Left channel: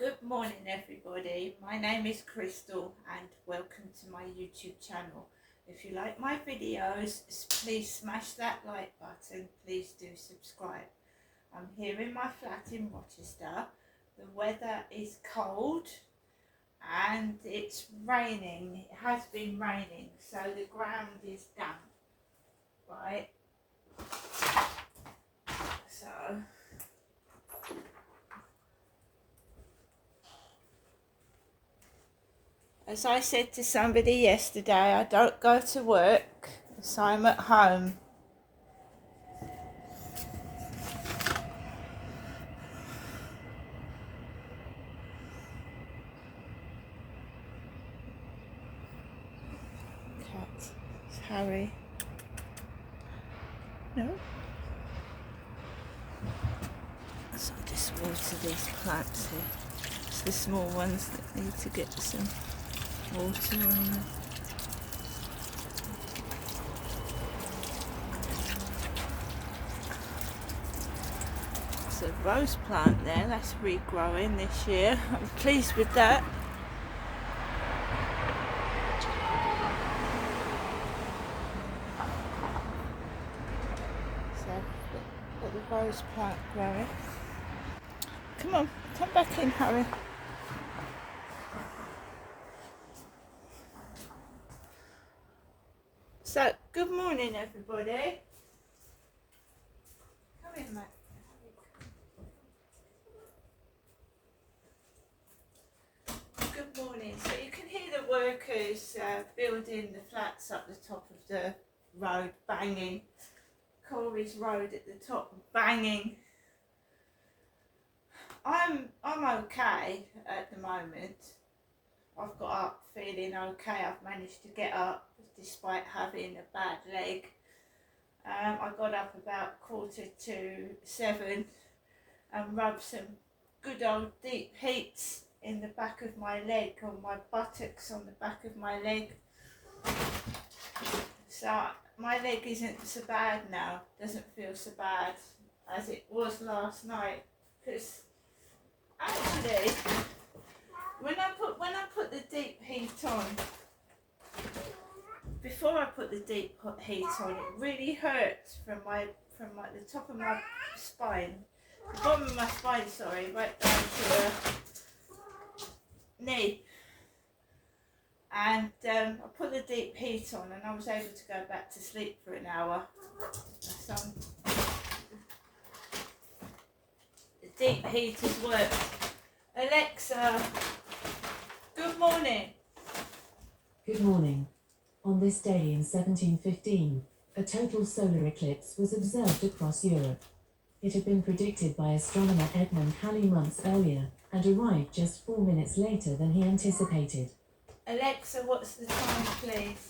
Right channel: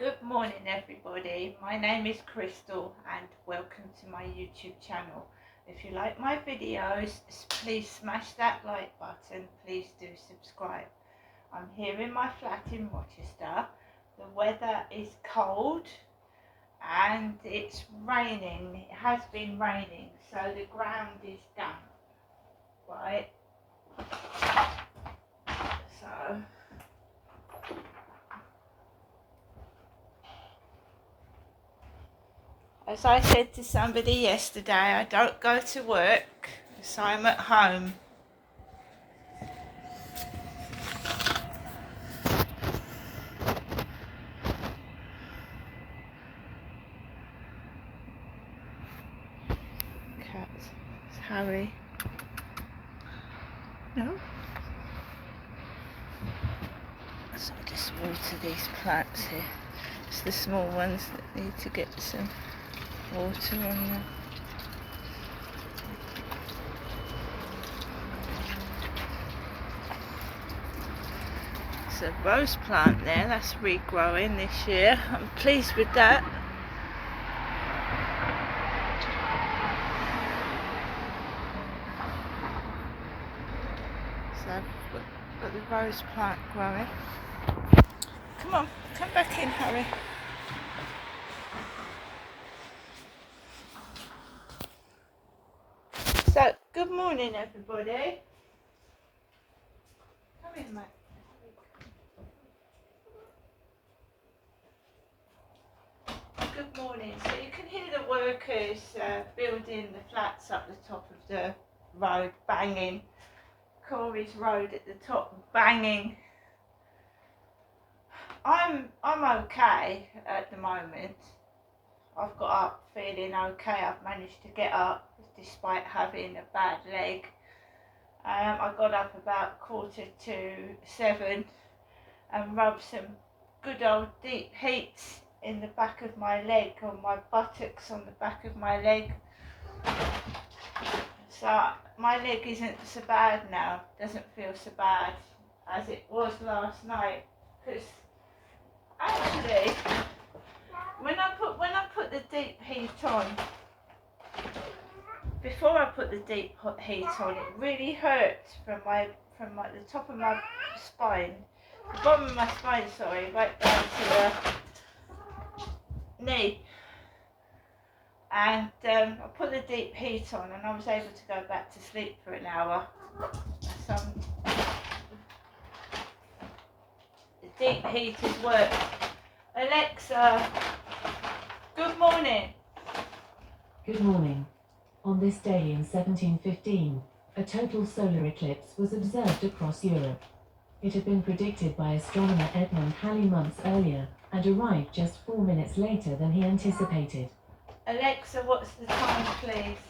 Good morning everybody, my name is Crystal and welcome to my YouTube channel. If you like my videos, please smash that like button, please do subscribe. I'm here in my flat in Rochester. The weather is cold and it's raining, it has been raining, so the ground is damp, right? So as I said to somebody yesterday, I don't go to work, so I'm at home. Cats, Harry. No? So I just water these plants here. It's the small ones that need to get some water on them. It's a rose plant there, that's regrowing this year. I'm pleased with that. So I've got the rose plant growing. Come on, come back in, Harry. So, good morning everybody. Come in, mate. Good morning. So you can hear the workers building the flats up the top of the road, banging. Corey's Road at the top, banging. I'm okay at the moment. I've got up feeling okay. I've managed to get up despite having a bad leg. I got up about 6:45 and rubbed some good old deep heats in the back of my leg, on my buttocks, on the back of my leg. So my leg isn't so bad now, doesn't feel so bad as it was last night, because actually when I put the deep heat on, before I put the deep heat on, it really hurt from the top of my spine, the bottom of my spine, sorry, right down to the knee. And I put the deep heat on and I was able to go back to sleep for an hour. So the deep heat has worked. Alexa, good morning. Good morning. On this day in 1715, a total solar eclipse was observed across Europe. It had been predicted by astronomer Edmund Halley months earlier and arrived just 4 minutes later than he anticipated. Alexa, what's the time, please?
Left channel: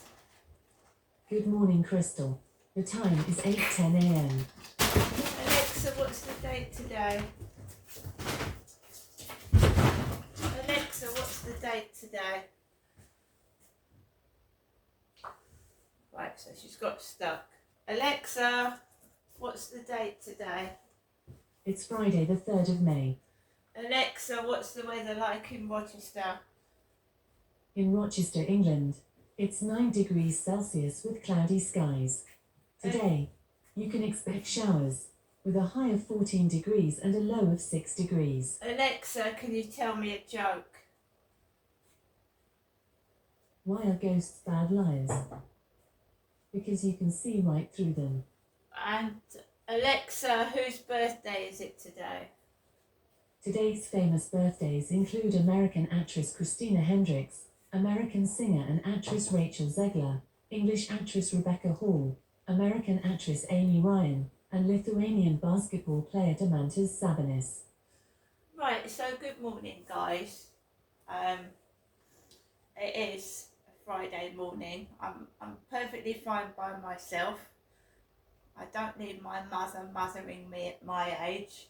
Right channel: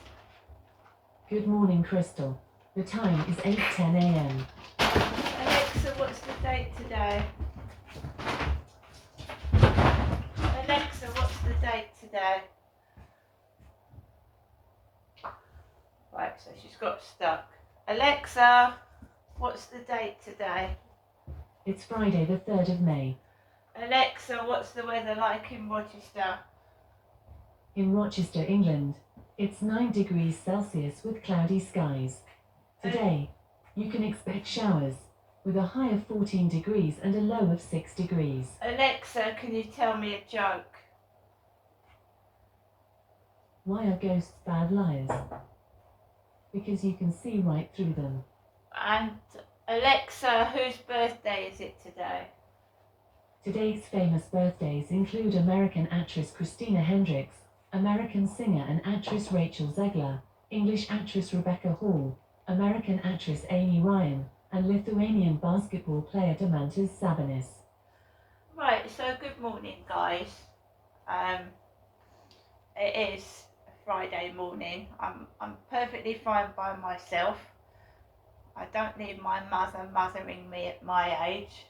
Good morning, Crystal. The time is 8:10 a.m. Alexa, what's the date today? Alexa, what's the date today? Right, so she's got stuck. Alexa, what's the date today? It's Friday the 3rd of May. Alexa, what's the weather like in Rochester? In Rochester, England, it's 9 degrees Celsius with cloudy skies. Today, you can expect showers, with a high of 14 degrees and a low of 6 degrees. Alexa, can you tell me a joke? Why are ghosts bad liars? Because you can see right through them. And Alexa, whose birthday is it today? Today's famous birthdays include American actress Christina Hendricks, American singer and actress Rachel Zegler, English actress Rebecca Hall, American actress Amy Ryan, and Lithuanian basketball player Domantas Sabonis. Right, so good morning guys. It is a Friday morning. I'm perfectly fine by myself. I don't need my mother mothering me at my age.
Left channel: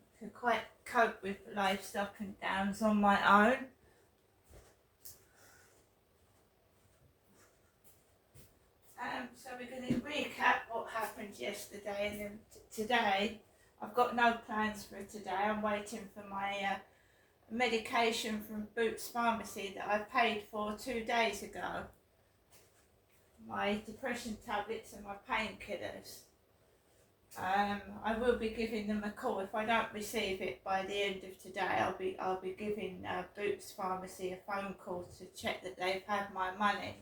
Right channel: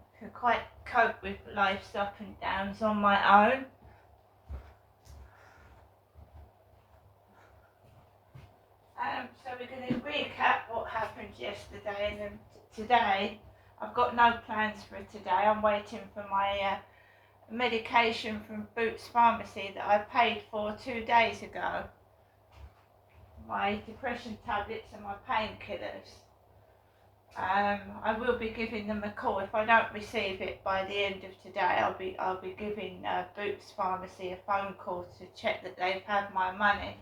I can quite cope with life's up and downs on my own. So we're going to recap what happened yesterday, and then today I've got no plans for today. I'm waiting for my medication from Boots Pharmacy that I paid for 2 days ago. My depression tablets and my painkillers. I will be giving them a call. If I don't receive it by the end of today, I'll be giving Boots Pharmacy a phone call to check that they've had my money.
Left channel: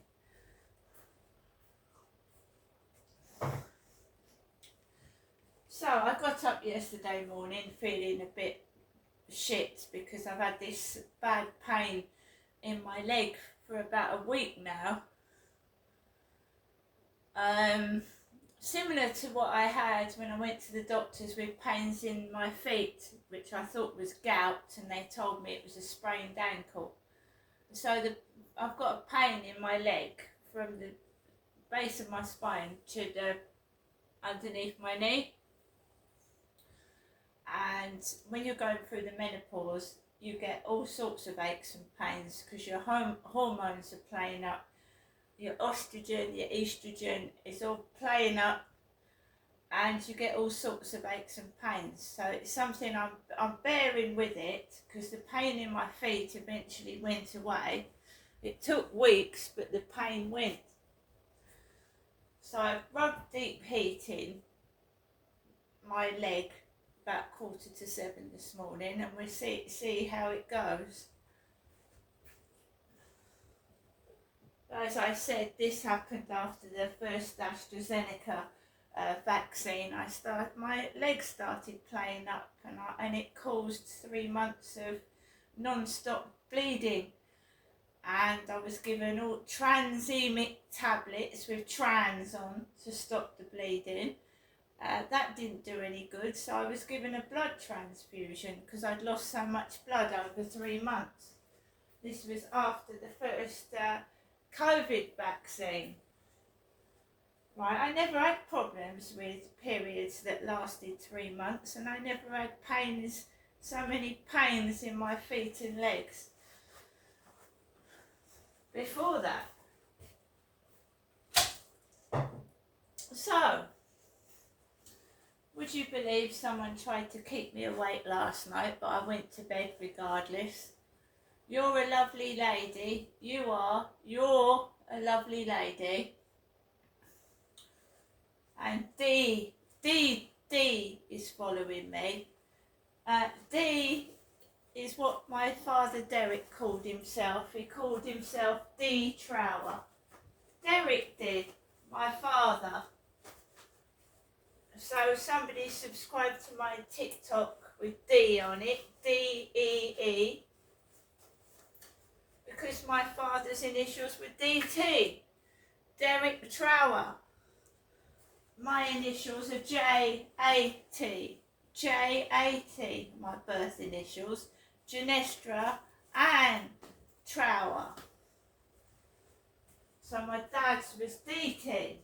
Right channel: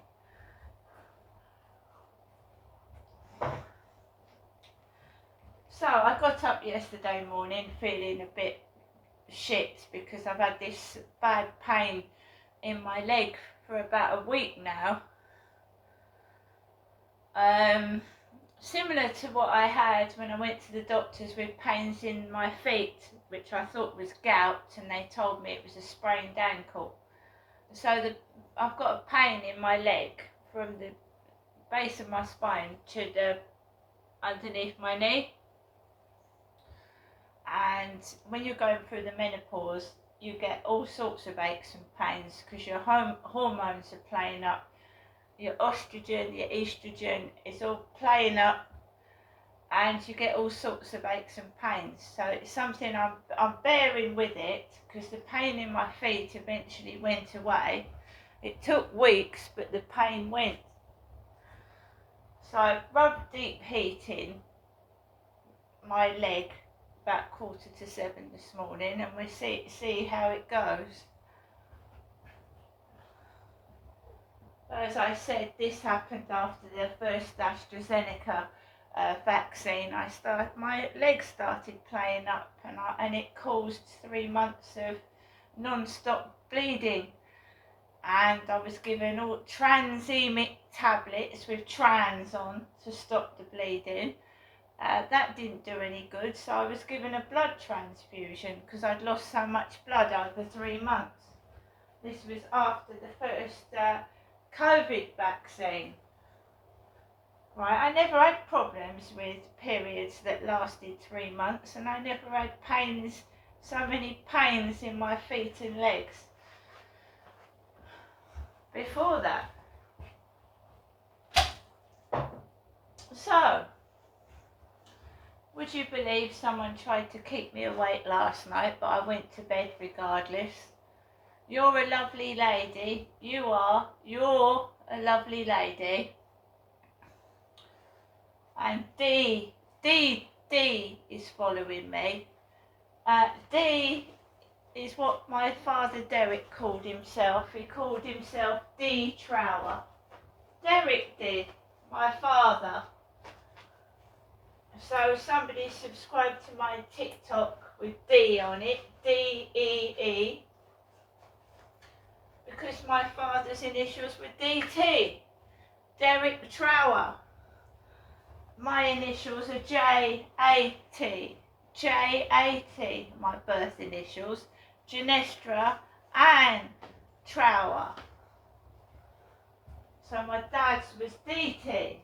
So I got up yesterday morning feeling a bit shit because I've had this bad pain in my leg for about a week now. Similar to what I had when I went to the doctors with pains in my feet, which I thought was gout, and they told me it was a sprained ankle. So I've got a pain in my leg from the base of my spine to the underneath my knee. And when you're going through the menopause, you get all sorts of aches and pains because your hormones are playing up. Your estrogen, your estrogen is all playing up, and you get all sorts of aches and pains. So it's something I'm bearing with it because the pain in my feet eventually went away. It took weeks, but the pain went. So I rubbed deep heat in my leg about 6:45 this morning, and we'll see how it goes. As I said, this happened after the first AstraZeneca vaccine. My legs started playing up, and it caused 3 months of non-stop bleeding. And I was given all Transemic tablets with trans on to stop the bleeding. That didn't do any good, so I was given a blood transfusion because I'd lost so much blood over 3 months. This was after the first COVID vaccine. Right, I never had problems with periods that lasted 3 months, and I never had so many pains in my feet and legs before that. So, would you believe someone tried to keep me awake last night, but I went to bed regardless? You're a lovely lady. You're a lovely lady. And D is following me. D is what my father Derek called himself. He called himself D Trower. Derek did, my father. So somebody subscribed to my TikTok with D on it, D-E-E, because my father's initials were D-T, Derek Trower. My initials are J-A-T, J-A-T, my birth initials, Genestra and Trower. So my dad's was D-T.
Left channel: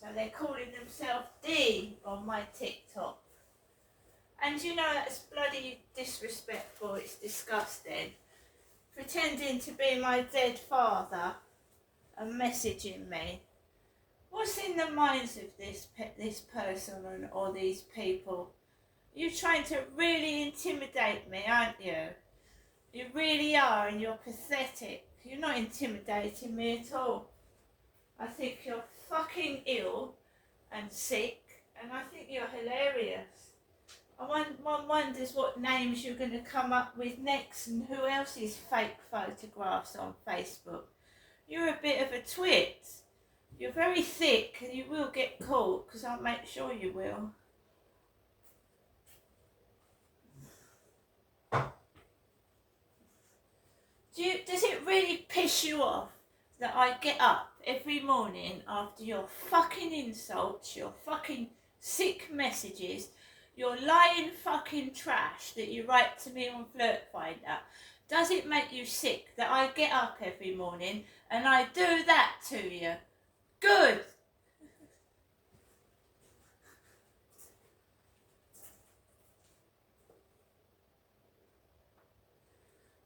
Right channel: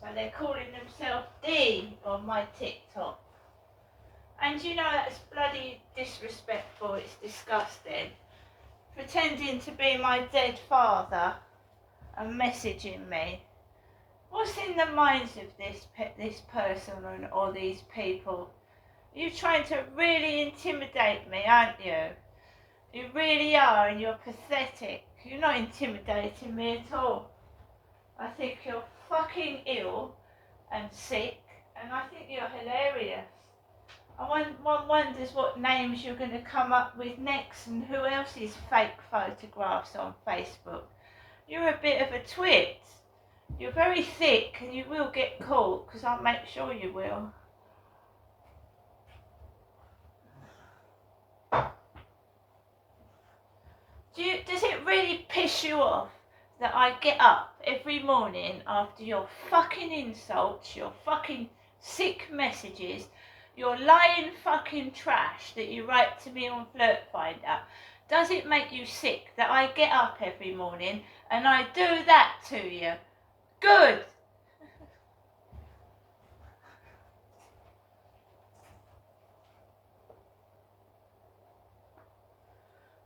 So they're calling themselves D on my TikTok. And you know, that's bloody disrespectful, it's disgusting. Pretending to be my dead father and messaging me. What's in the minds of this person or these people? You're trying to really intimidate me, aren't you? You really are, and you're pathetic. You're not intimidating me at all. I think you're fucking ill and sick, and I think you're hilarious. One wonders what names you're going to come up with next and who else's fake photographs on Facebook. You're a bit of a twit. You're very thick and you will get caught, because I'll make sure you will. Does it really piss you off that I get up every morning after your fucking insults, your fucking sick messages, your lying fucking trash that you write to me on Flirt Finder? Does it make you sick that I get up every morning and I do that to you? Good.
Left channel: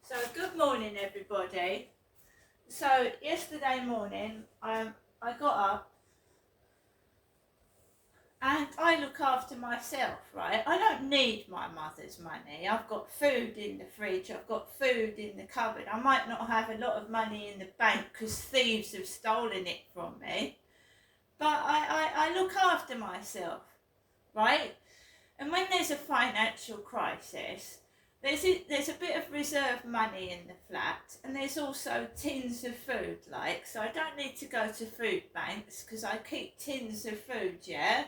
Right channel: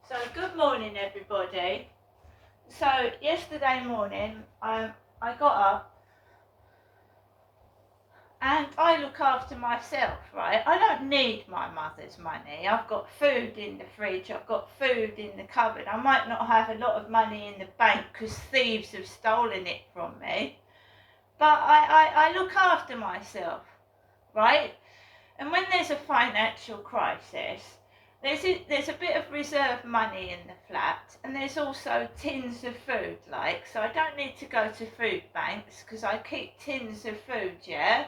So good morning everybody. So yesterday morning I got up And I look after myself, right? I don't need my mother's money. I've got food in the fridge, I've got food in the cupboard. I might not have a lot of money in the bank because thieves have stolen it from me. But I look after myself, right? And when there's a financial crisis, there's a bit of reserve money in the flat, and there's also tins of food, like, so I don't need to go to food banks because I keep tins of food, yeah?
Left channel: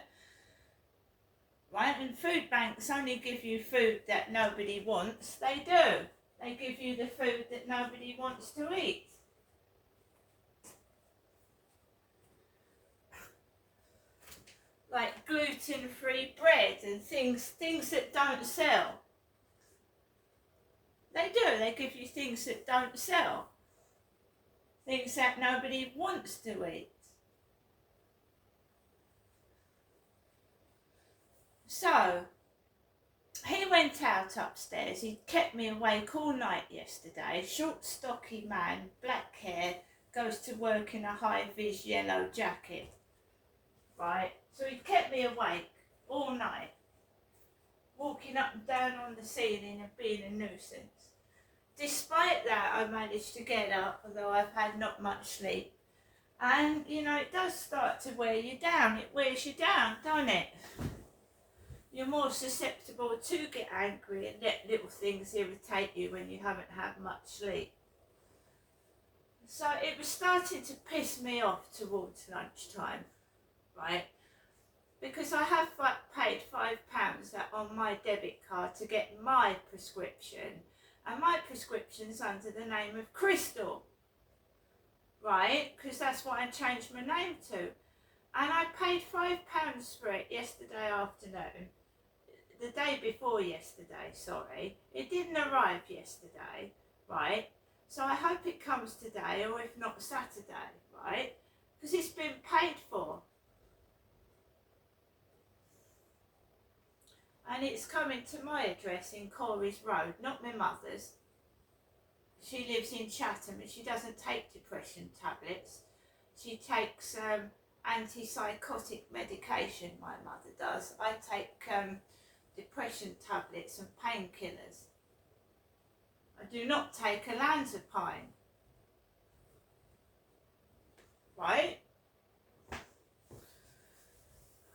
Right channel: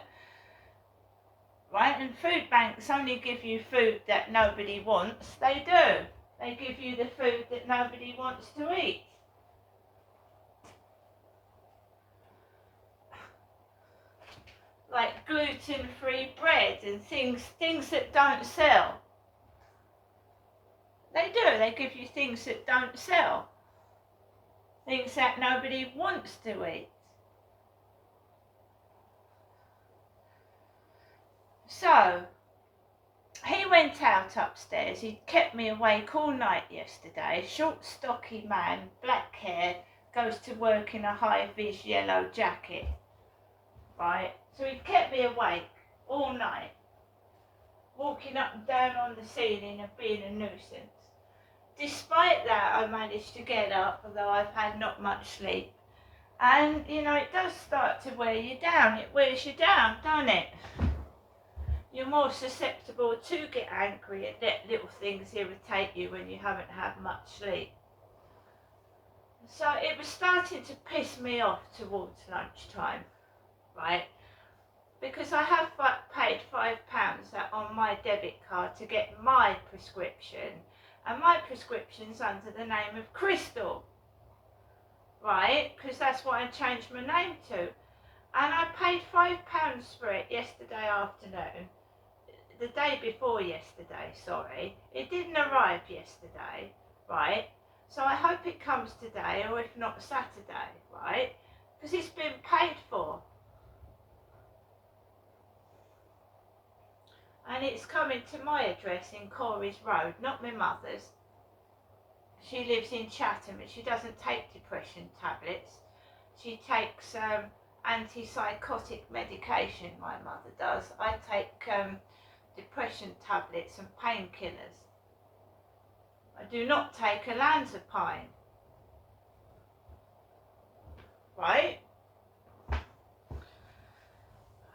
Right? And food banks only give you food that nobody wants. They do. They give you the food that nobody wants to eat. Like gluten-free bread and things that don't sell. They do. They give you things that don't sell. Things that nobody wants to eat. So, he went out upstairs. He kept me awake all night yesterday. Short, stocky man, black hair, goes to work in a high-vis yellow jacket. Right? So he kept me awake all night, walking up and down on the ceiling and being a nuisance. Despite that, I managed to get up, although I've had not much sleep. And, you know, it does start to wear you down. It wears you down, don't it? You're more susceptible to get angry and let little things irritate you when you haven't had much sleep. So it was starting to piss me off towards lunchtime, right? Because I have paid £5 on my debit card to get my prescription, and my prescription's under the name of Crystal, right? Because that's what I changed my name to. And I paid £5 for it yesterday afternoon. The day before yesterday, sorry. It didn't arrive yesterday, right? So I hope it comes today, or if not Saturday, right? Because it's been paid for. And it's coming to my address in Corey's Road, not my mother's. She lives in Chatham and she doesn't take depression tablets. She takes antipsychotic medication, my mother does. I take depression tablets and painkillers. I do not take olanzapine. Right?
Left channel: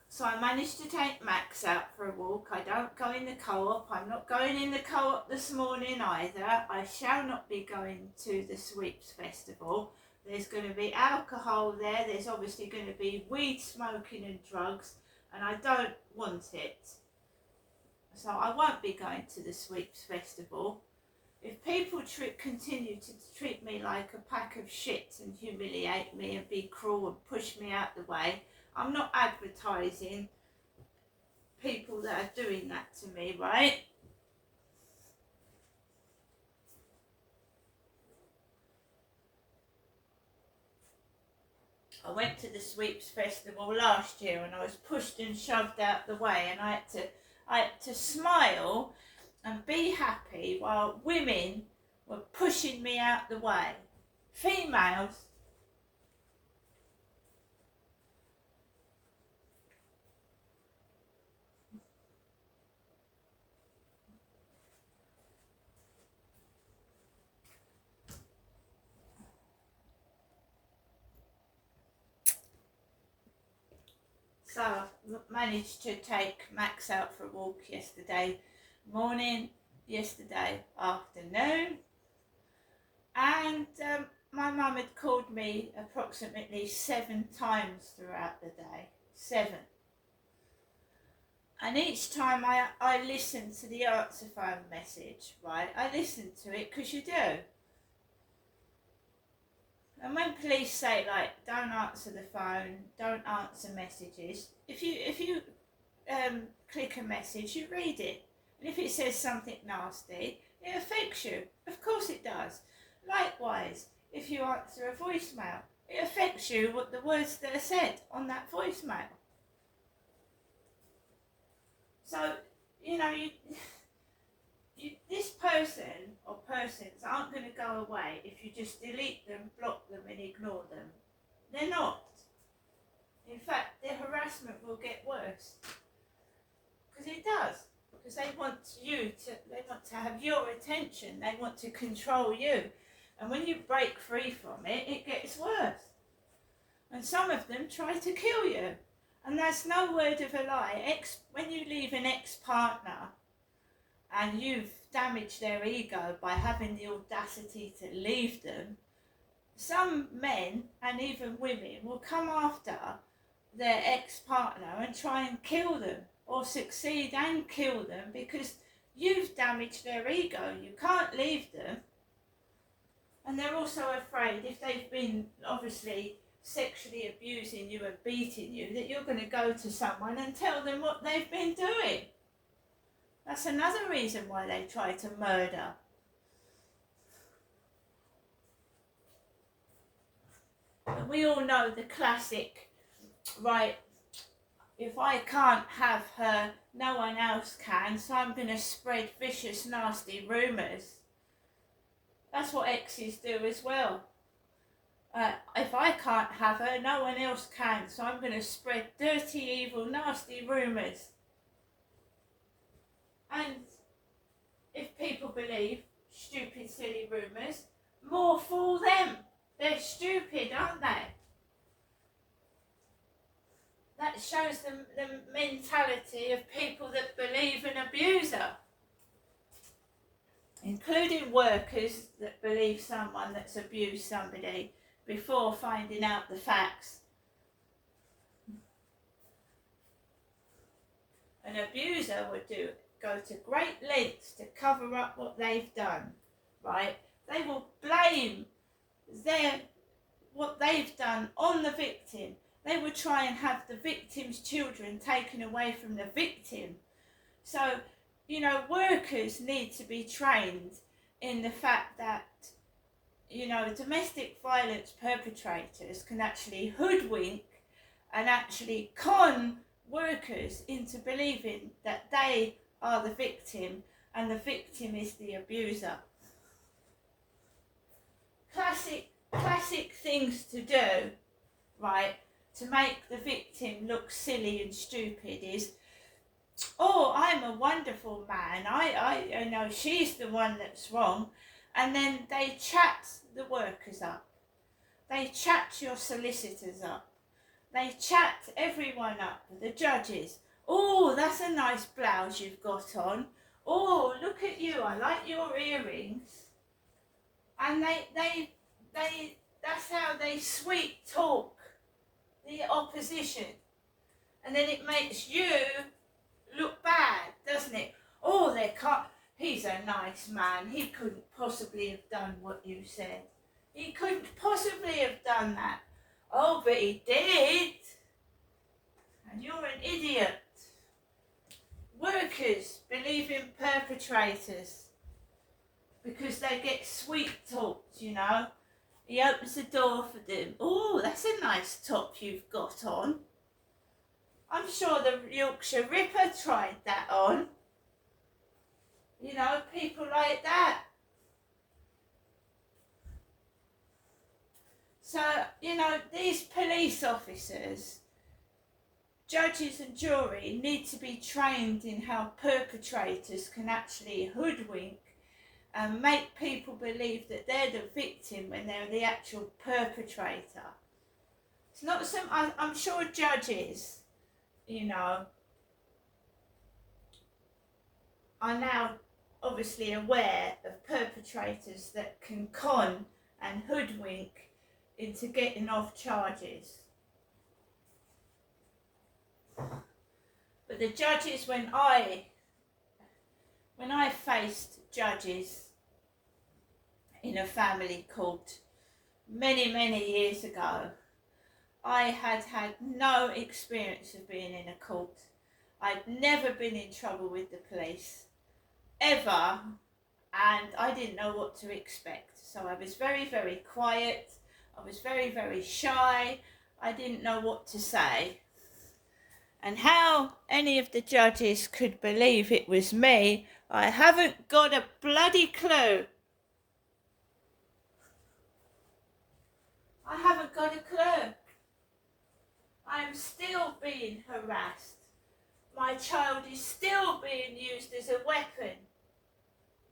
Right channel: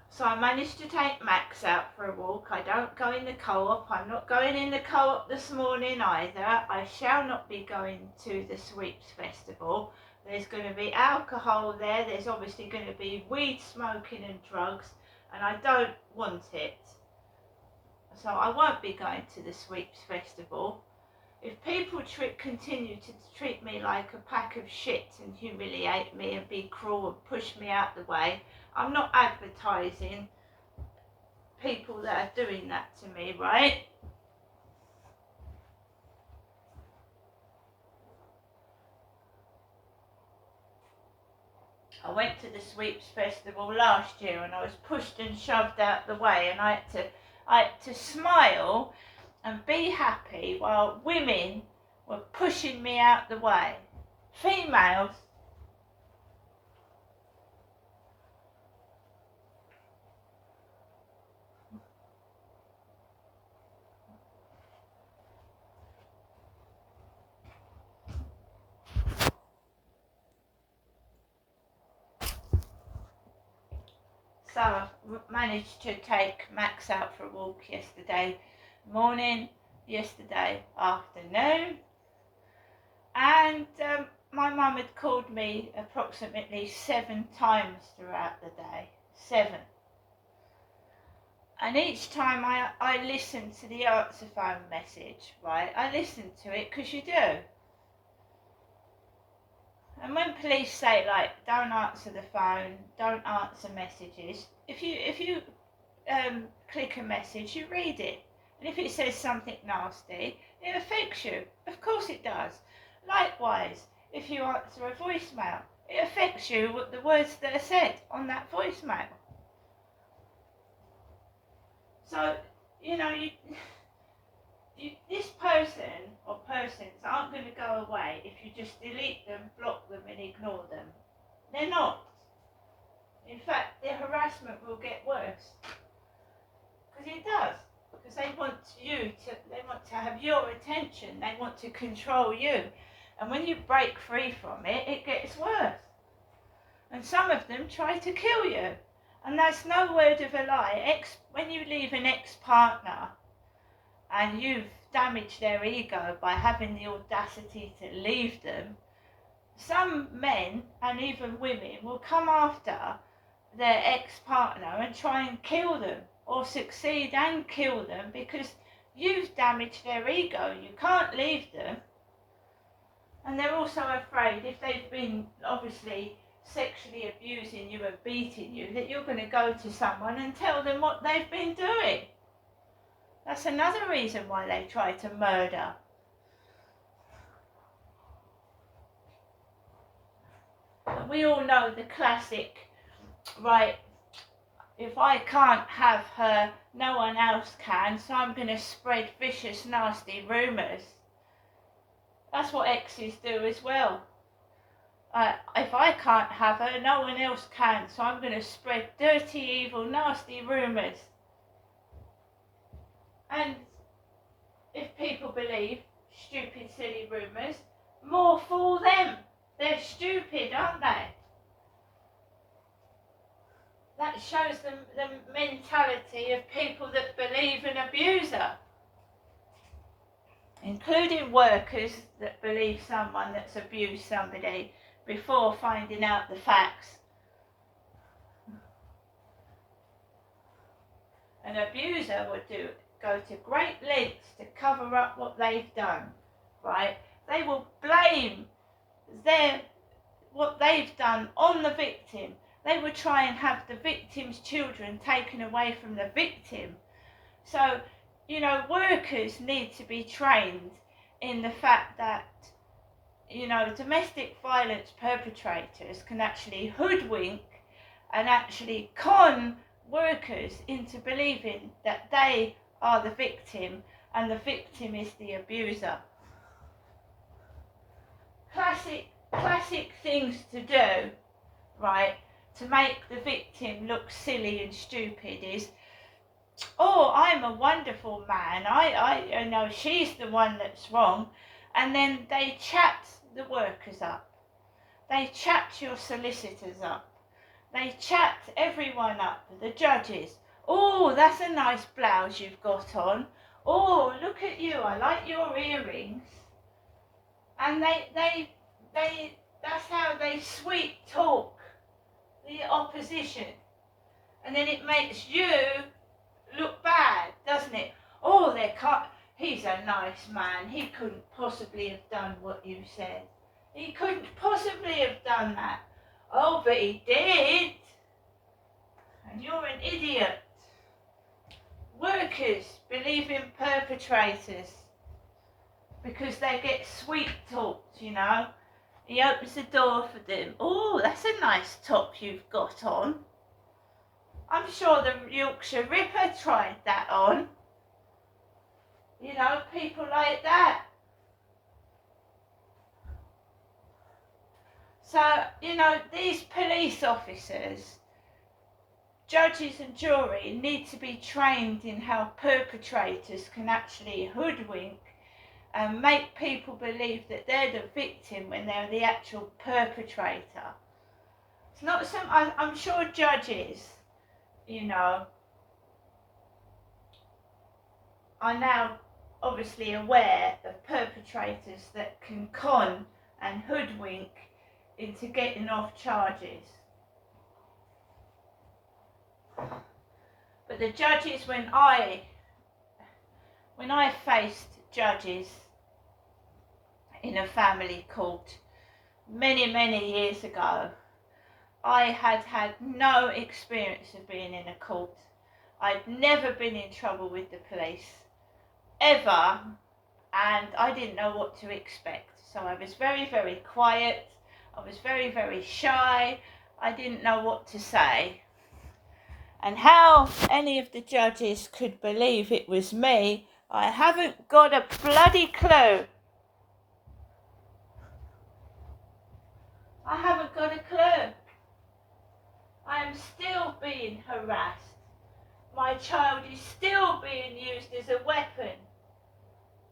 So I managed to take Max out for a walk. I don't go in the co-op. I'm not going in the co-op this morning either. I shall not be going to the Sweeps Festival. There's going to be alcohol there. There's obviously going to be weed smoking and drugs, and I don't want it. So I won't be going to the Sweeps Festival. If people continue to treat me like a pack of shit and humiliate me and be cruel and push me out the way, I'm not advertising people that are doing that to me, right? I went to the Sweeps Festival last year and I was pushed and shoved out the way, and I had to smile and be happy while women were pushing me out the way. Females. So I managed to take Max out for a walk yesterday morning, yesterday afternoon, and my mum had called me approximately 7 times throughout the day. 7. And each time I listened to the answer phone message, right? I listened to it because you do. And when police say, like, don't answer the phone, don't answer messages, if you click a message, you read it. And if it says something nasty, it affects you. Of course it does. Likewise, if you answer a voicemail, it affects you with the words that are said on that voicemail. So, you know, this person or persons aren't going to go away if you just delete them, block them and ignore them. They're not. In fact, they're harassing harassment will get worse. Because it does. Because they want to have your attention. They want to control you. And when you break free from it, it gets worse. And some of them try to kill you. And that's no word of a lie. When you leave an ex-partner and you've damaged their ego by having the audacity to leave them, some men and even women will come after their ex-partner and try and kill them, or succeed and kill them, because you've damaged their ego. You can't leave them. And they're also afraid, if they've been obviously sexually abusing you and beating you, that you're going to go to someone and tell them what they've been doing. That's another reason why they try to murder. And we all know the classic, right, if I can't have her, no one else can, so I'm going to spread vicious, nasty rumours. That's what exes do as well. If I can't have her, no one else can, so I'm going to spread dirty, evil, nasty rumours. And if people believe stupid, silly rumours, more fool them. They're stupid, aren't they? That shows them the mentality of people that believe an abuser. Including workers that believe someone that's abused somebody before finding out the facts. An abuser would go to great lengths to cover up what they've done, right? They will blame what they've done on the victim. They will try and have the victim's children taken away from the victim. So, you know, workers need to be trained in the fact that, you know, domestic violence perpetrators can actually hoodwink and actually con workers into believing that they are the victim and the victim is the abuser. Classic things to do, right, to make the victim look silly and stupid is, oh, I'm a wonderful man, I know she's the one that's wrong. And then they chat the workers up. They chat your solicitors up. They chat everyone up, the judges. Oh, that's a nice blouse you've got on. Oh, look at you, I like your earrings. And that's how they sweet talk the opposition. And then it makes you look bad, doesn't it? Oh, he's a nice man. He couldn't possibly have done what you said. He couldn't possibly have done that. Oh, but he did. And you're an idiot. Workers believe in perpetrators because they get sweet talked, you know. He opens the door for them. Oh, that's a nice top you've got on. I'm sure the Yorkshire Ripper tried that on. You know, people like that. So, you know, these police officers, judges and jury need to be trained in how perpetrators can actually hoodwink and make people believe that they're the victim when they're the actual perpetrator. It's not I'm sure judges, you know, are now obviously aware of perpetrators that can con and hoodwink into getting off charges. But the judges, when I faced judges in a family court many years ago, I had no experience of being in a court. I'd never been in trouble with the police, ever, and I didn't know what to expect. So I was very quiet. I was very shy. I didn't know what to say. And how any of the judges could believe it was me, I haven't got a bloody clue. I haven't got a clue. I am still being harassed. My child is still being used as a weapon.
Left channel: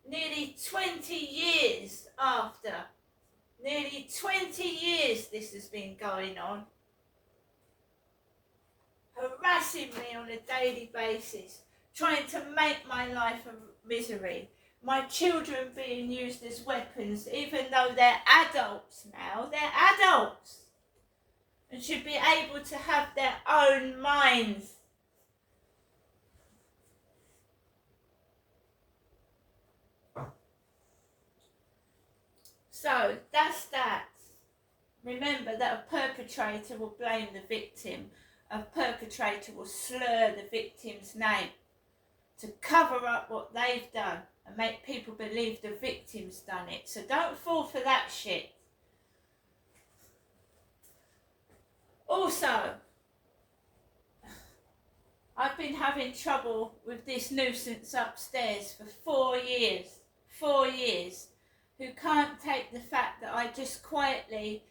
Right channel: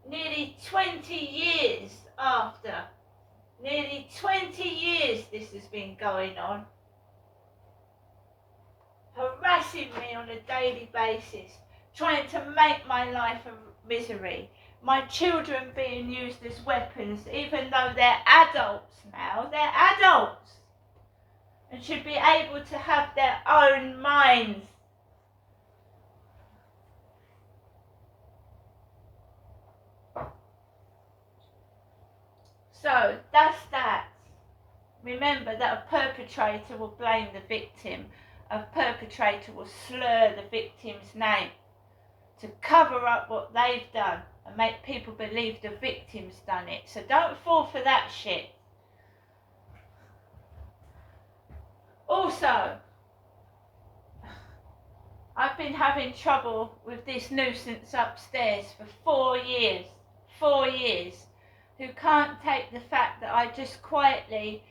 Nearly 20 years after. Nearly 20 years this has been going on. Harassing me on a daily basis. Trying to make my life a misery. My children being used as weapons, even though they're adults now. They're adults. And should be able to have their own minds. So, that's that. Remember that a perpetrator will blame the victim. A perpetrator will slur the victim's name to cover up what they've done and make people believe the victim's done it. So don't fall for that shit. Also, I've been having trouble with this nuisance upstairs for 4 years. 4 years. Who can't take the fact that I just quietly,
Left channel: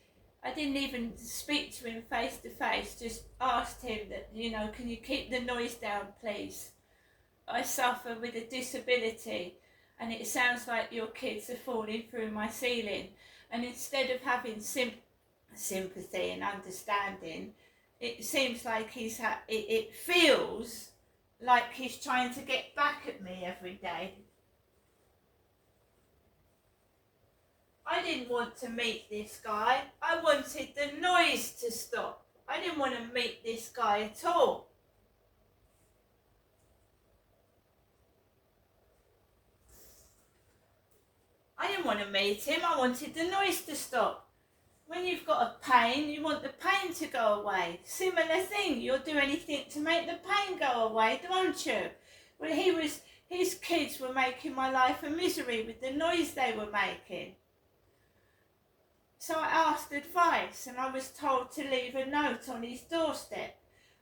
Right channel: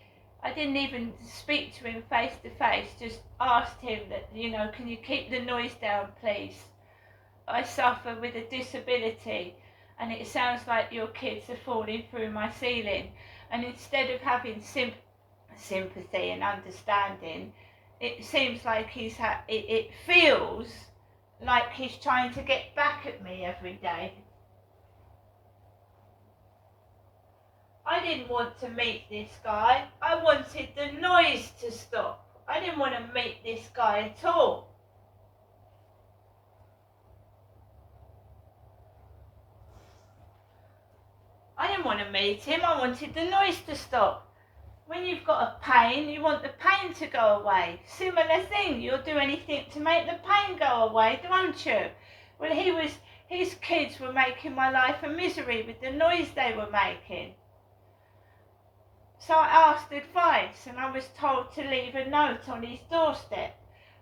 I didn't even speak to him face to face, just asked him that, you know, can you keep the noise down, please? I suffer with a disability and it sounds like your kids are falling through my ceiling. And instead of having sympathy and understanding, it seems like it feels like he's trying to get back at me every day. I didn't want to meet this guy. I wanted the noise to stop. I didn't want to meet this guy at all. I didn't want to meet him. I wanted the noise to stop. When you've got a pain, you want the pain to go away. Similar thing. You'll do anything to make the pain go away, don't you? Well, his kids were making my life a misery with the noise they were making. So I asked advice and I was told to leave a note on his doorstep,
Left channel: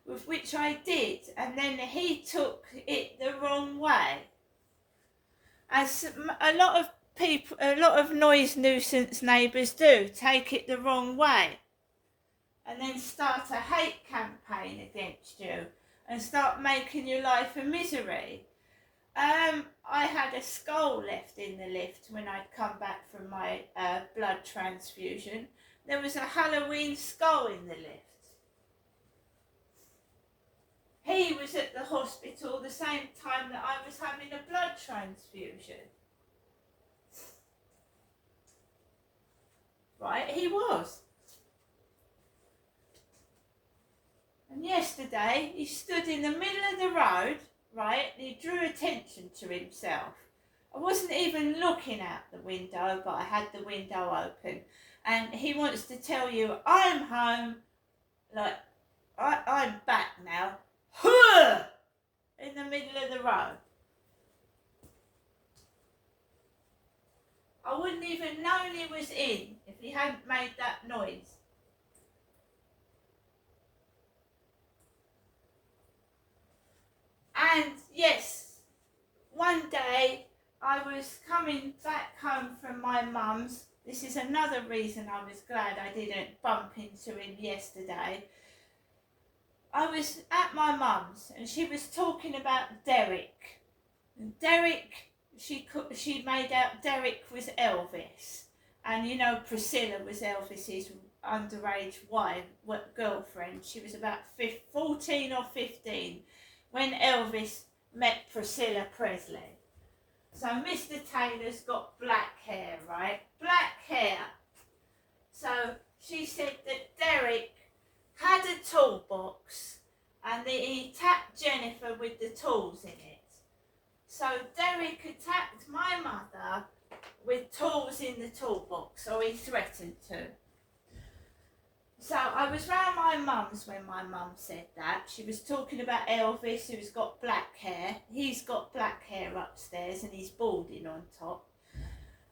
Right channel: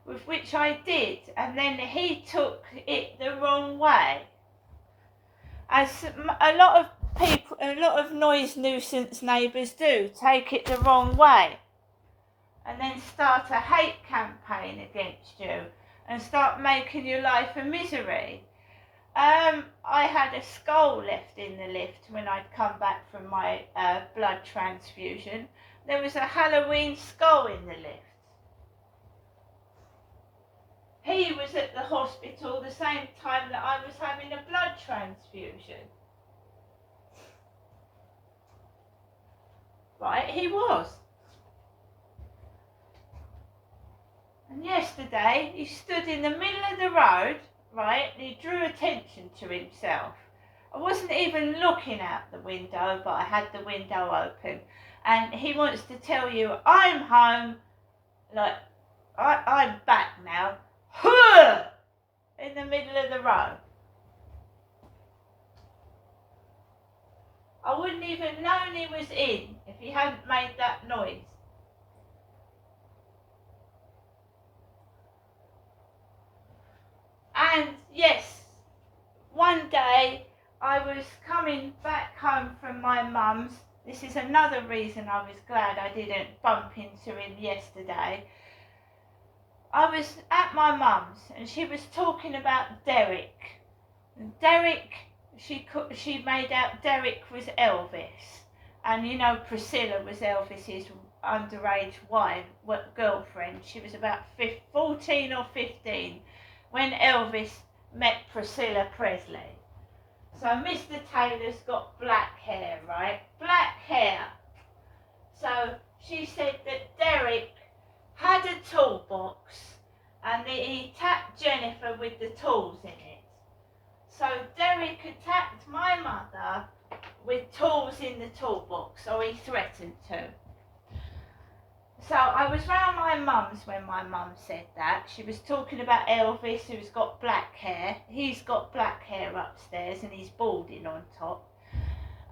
with which I did, and then he took it the wrong way. As a lot of people, a lot of noise nuisance neighbours do, take it the wrong way and then start a hate campaign against you and start making your life a misery. I had a skull left in the lift when I'd come back from my blood transfusion. There was a Halloween skull in the lift. He was at the hospital the same time that I was having a blood transfusion. Right, he was. And yesterday he stood in the middle of the road, right, and he drew attention to himself. I wasn't even looking out the window, but I had the window open. And he wants to tell you, I'm home, like, I'm back now, in the middle of the road. I wouldn't even known he was in if he hadn't made that noise. And yes, one day I was coming back home from my mum's. This is another reason I was glad I didn't bump into him yesterday. I was at my mum's and she was talking about Derek. And Derek, she made out Derek was Elvis. And you know Priscilla was Elvis's underage wife, girlfriend. She was about 14 or 15 when Elvis met Priscilla Presley. So Mr. Taylor's got black hair, right? Black hair. So she said that Derek had a toolbox and that he attacked Jennifer with the tools in it. So Derek attacked my mother with tools in the toolbox, or he threatened to. So I was round my mum's when my mum said that. She was talking about Elvis, who's got black hair. He's got black hair upstairs and he's balding on top.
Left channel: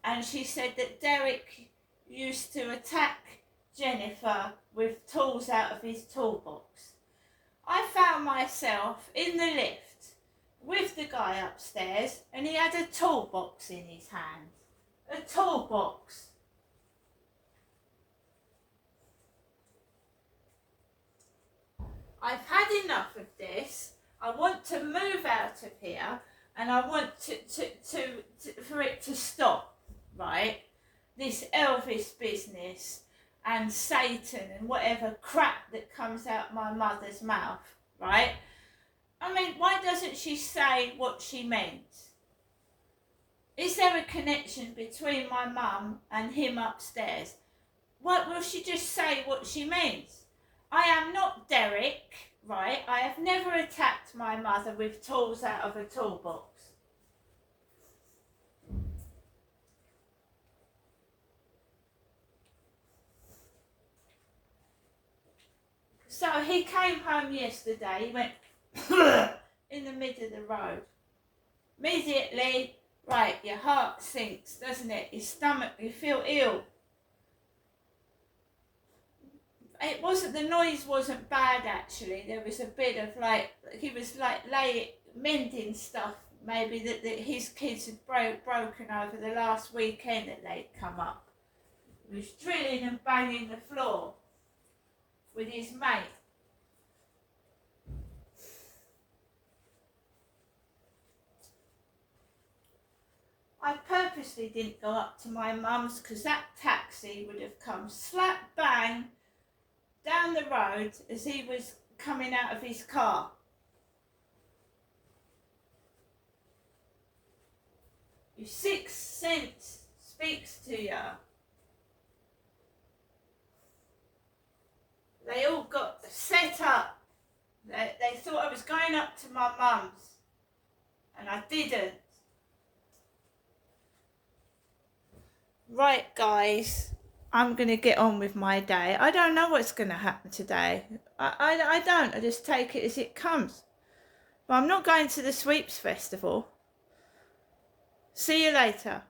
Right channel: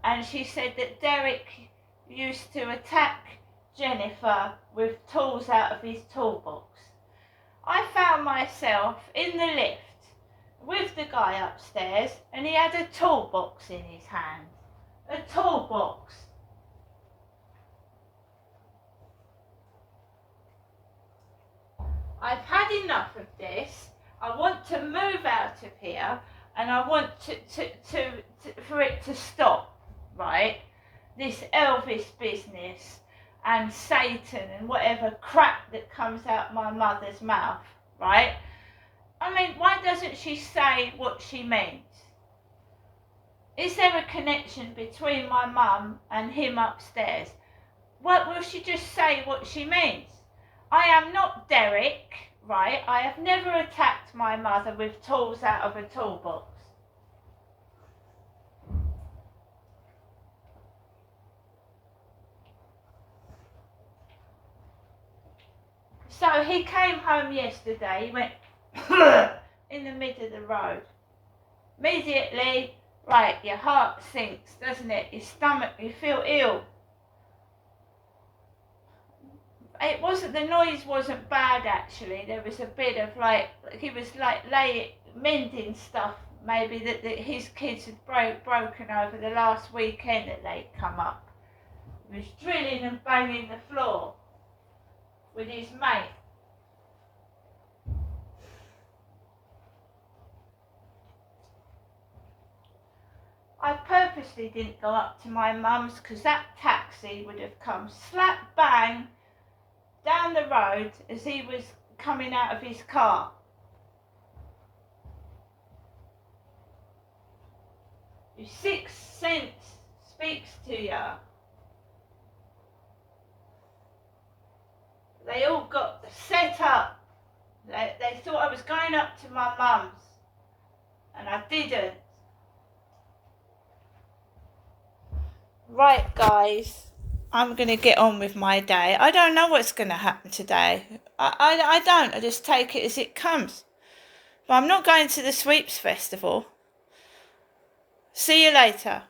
And she said that Derek used to attack Jennifer with tools out of his toolbox. I found myself in the lift with the guy upstairs and he had a toolbox in his hand. A toolbox. I've had enough of this. I want to move out of here, and I want for it to stop, right? This Elvis business and Satan and whatever crap that comes out my mother's mouth, right? I mean, why doesn't she say what she means? Is there a connection between my mum and him upstairs? What will she just say what she means? I am not Derek, right? I have never attacked my mother with tools out of a toolbox. So he came home yesterday, he went in the middle of the road. Immediately, right, your heart sinks, doesn't it? Your stomach, you feel ill. It wasn't, the noise wasn't bad actually. There was a bit of like, he was like mending stuff maybe that his kids had broken over the last weekend that they'd come up. He was drilling and banging the floor with his mate. I purposely didn't go up to my mum's because that taxi would have come slap bang down the road as he was coming out of his car. Your sixth sense speaks to you. They all got set up. They thought I was going up to my mum's, and I didn't. Right, guys, I'm going to get on with my day. I don't know what's going to happen today. I don't. I just take it as it comes. But I'm not going to the Sweeps Festival. See you later.